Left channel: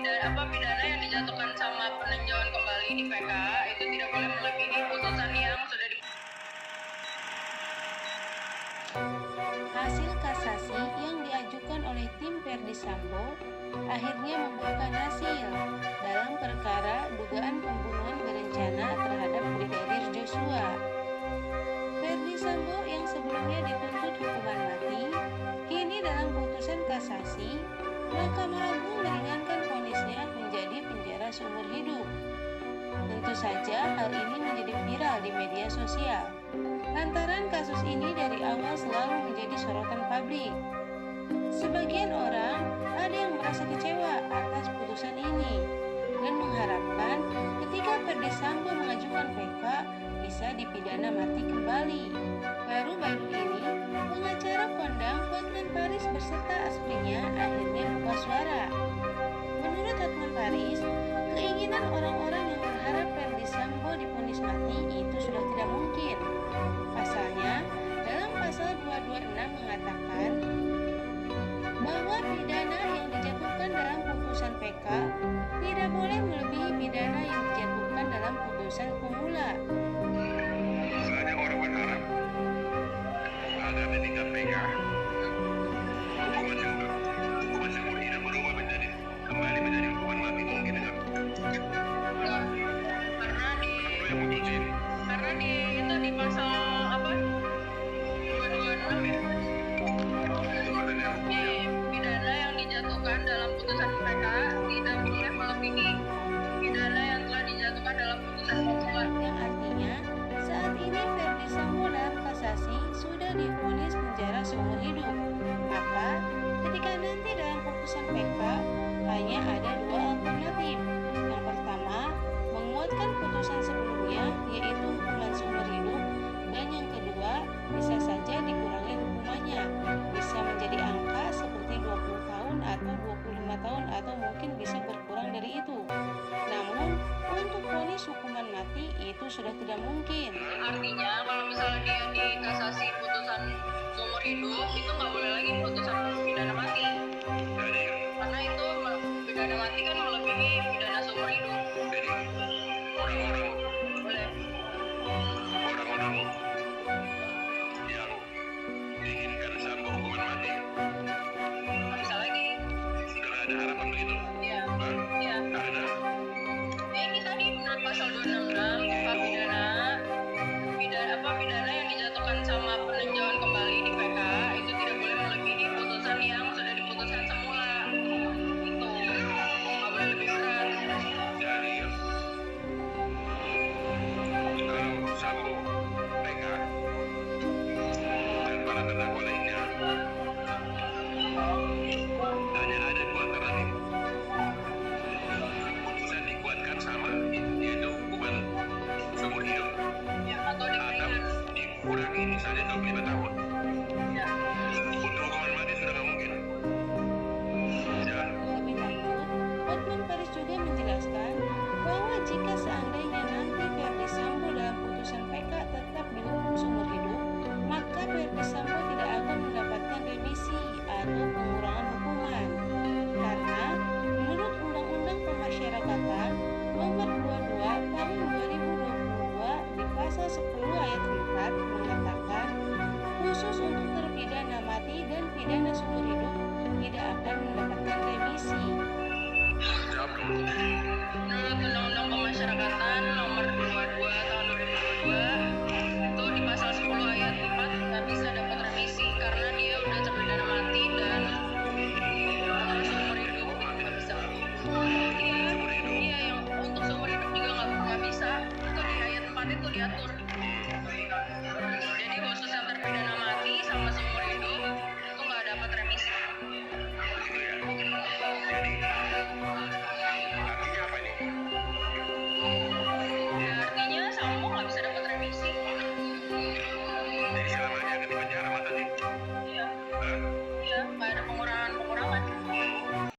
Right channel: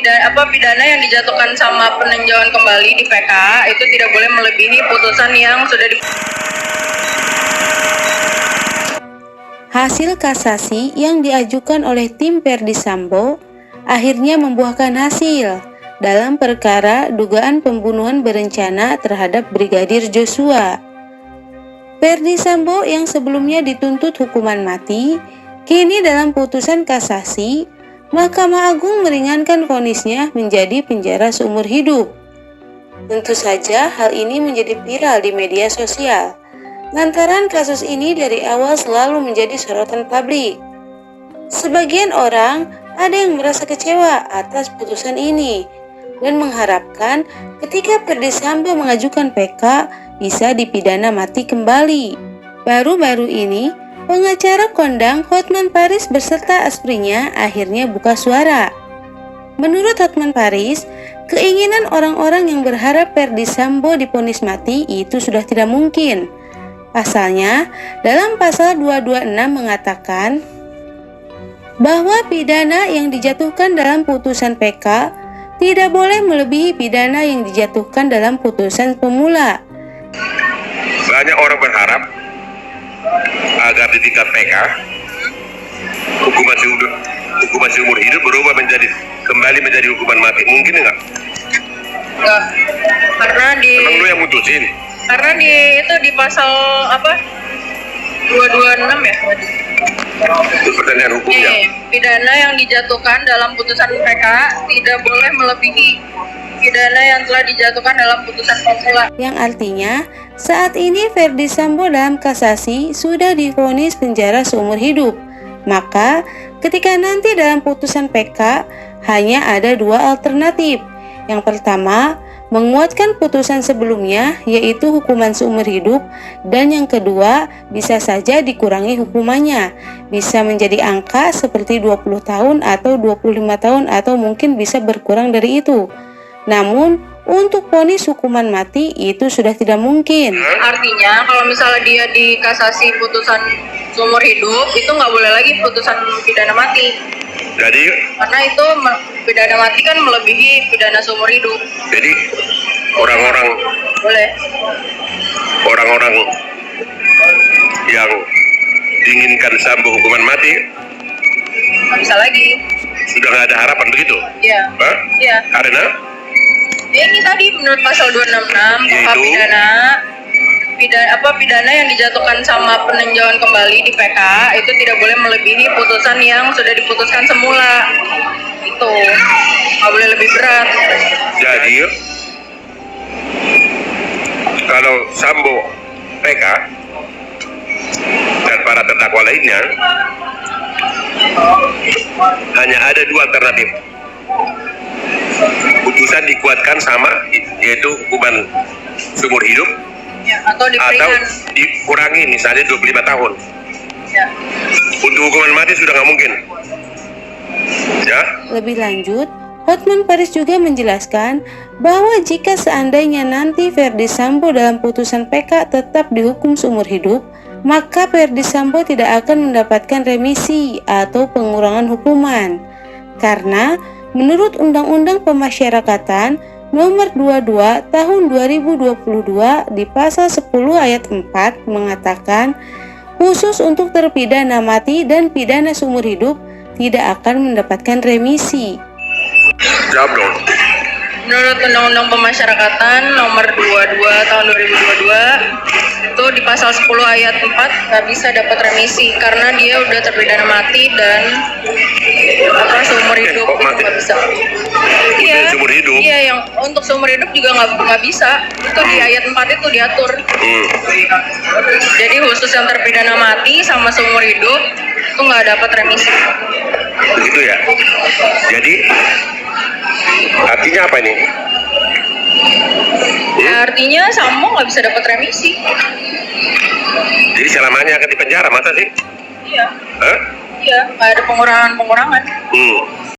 pidana yang dijatuhkan sama peninjauan kembali di PK itu tidak boleh melebihi putusan yang sudah di. Hasil kasasi yang diajukan oleh tim Verdi Sambo akhirnya membuahkan hasil dalam perkara dugaan pembunuhan berencana terhadap Brigadir Joshua. Verdi Sambo yang sebelumnya dituntut hukuman mati, kini dalam putusan kasasi, Mahkamah Agung meringankan vonisnya menjadi penjara seumur hidup. Tentu saja hal ini menjadi viral di media sosial. Lantaran kasus ini dari awal selalu menjadi sorotan publik. Sebagian orang ada yang merasa kecewa atas putusan ini dan mengharapkan ketika Verdi Sambo mengajukan PK bisa dipidana mati kembali. Baru-baru ini, pengacara kondang Hotman Paris beserta asprinya akhirnya buka suara. Menurut Hotman Paris, keinginan orang-orang yang berharap Verdi Sambo divonis mati itu sudah tidak mungkin. Pasalnya, dalam pasal 226 mengatakan bahwa pidana yang dijatuhkan dalam putusan PK tidak boleh melebihi pidana yang dijatuhkan dalam putusan pemula. Banyak orang berharap agar di tingkat PK hukuman seumur hidup berubah kembali menjadi hukuman mati. Mungkin enggak? Enggak. Karena Memang lu yang mutusin? Karena di pasal 226 ya. Itu pertanyaan hukumnya. Pidana yang dijatuhkan dalam putusan PK tidak boleh melebihi pidana yang telah dijatuhkan dalam putusan pemula. Yang artinya, saat ini Verdi Sambo dalam kasasi sudah divonis penjara seumur hidup. Maka, ketika nanti dalam putusan PK hanya ada dua alternatif. Yang pertama, menguatkan putusan sebelumnya yaitu hukuman seumur hidup, dan yang kedua bisa saja dikurangi hukumannya, bisa menjadi angka seperti 20 tahun atau 25 tahun atau mungkin bisa berkurang dari itu. Namun untuk vonis hukuman mati itu sudah tidak mungkin. Artinya kalau misalnya dia dikasasi putusan seumur hidup itu nggak boleh lagi putusan pidana mati. Jadi karena itu pidana mati kan melebihi pidana seumur hidup. Jadi orang-orang yang diinginkan Sambo hukuman mati nggak bisa lagi. Sudah nggak ada harapan begitu? Iya. Iya. Karena? Ini tadi menurut pasal 266 pidana yang dijatuhkan sama peninjauan kembali di PK itu tidak boleh melebihi putusan yang sudah diputuskan semula. Itu nggak boleh lebih berat. Jadi kalau Sambo PK dan para terdakwa lainnya hanya ada dua alternatif. Putusan dikuatkan sama, yaitu hukuman seumur hidup, ya, atau dikurangi misalnya 25 tahun. Ya. Untuk hukuman mati sudah nggak mungkin. Ya. Lebih lanjut, Hotman Paris juga menjelaskan bahwa jika seandainya nanti Verdi Sambo dalam putusan PK tetap dihukum seumur hidup, maka Verdi Sambo tidak akan mendapatkan remisi atau pengurangan hukuman. Karena menurut Undang-Undang Pemasyarakatan Nomor 22 Tahun 2022 di pasal 10 ayat 4 mengatakan khusus untuk terpidana mati dan pidana seumur hidup tidak akan mendapatkan remisi. Jawab dong. Menurut Undang-Undang Pemasyarakatan Nomor 22 Tahun 2022 itu di pasal 10 ayat 4 nggak bisa dapat remisi karena dia udah terpidana mati dan seumur hidup itu nggak bisa. Iya. Seumur hidup. Iya, yang untuk seumur hidup juga nggak bisa. Itu di ayat 4 itu diatur. Jadi khusus yang terpidana mati sama seumur hidup itu nggak dapat remisi. Begitu ya. Jadi artinya apa ini? Artinya Sambo nggak bisa dapat remisi. Jadi selamanya akan dipenjara, masa sih? Iya. Hah? Iya, nggak ada pengurangan. Hmm.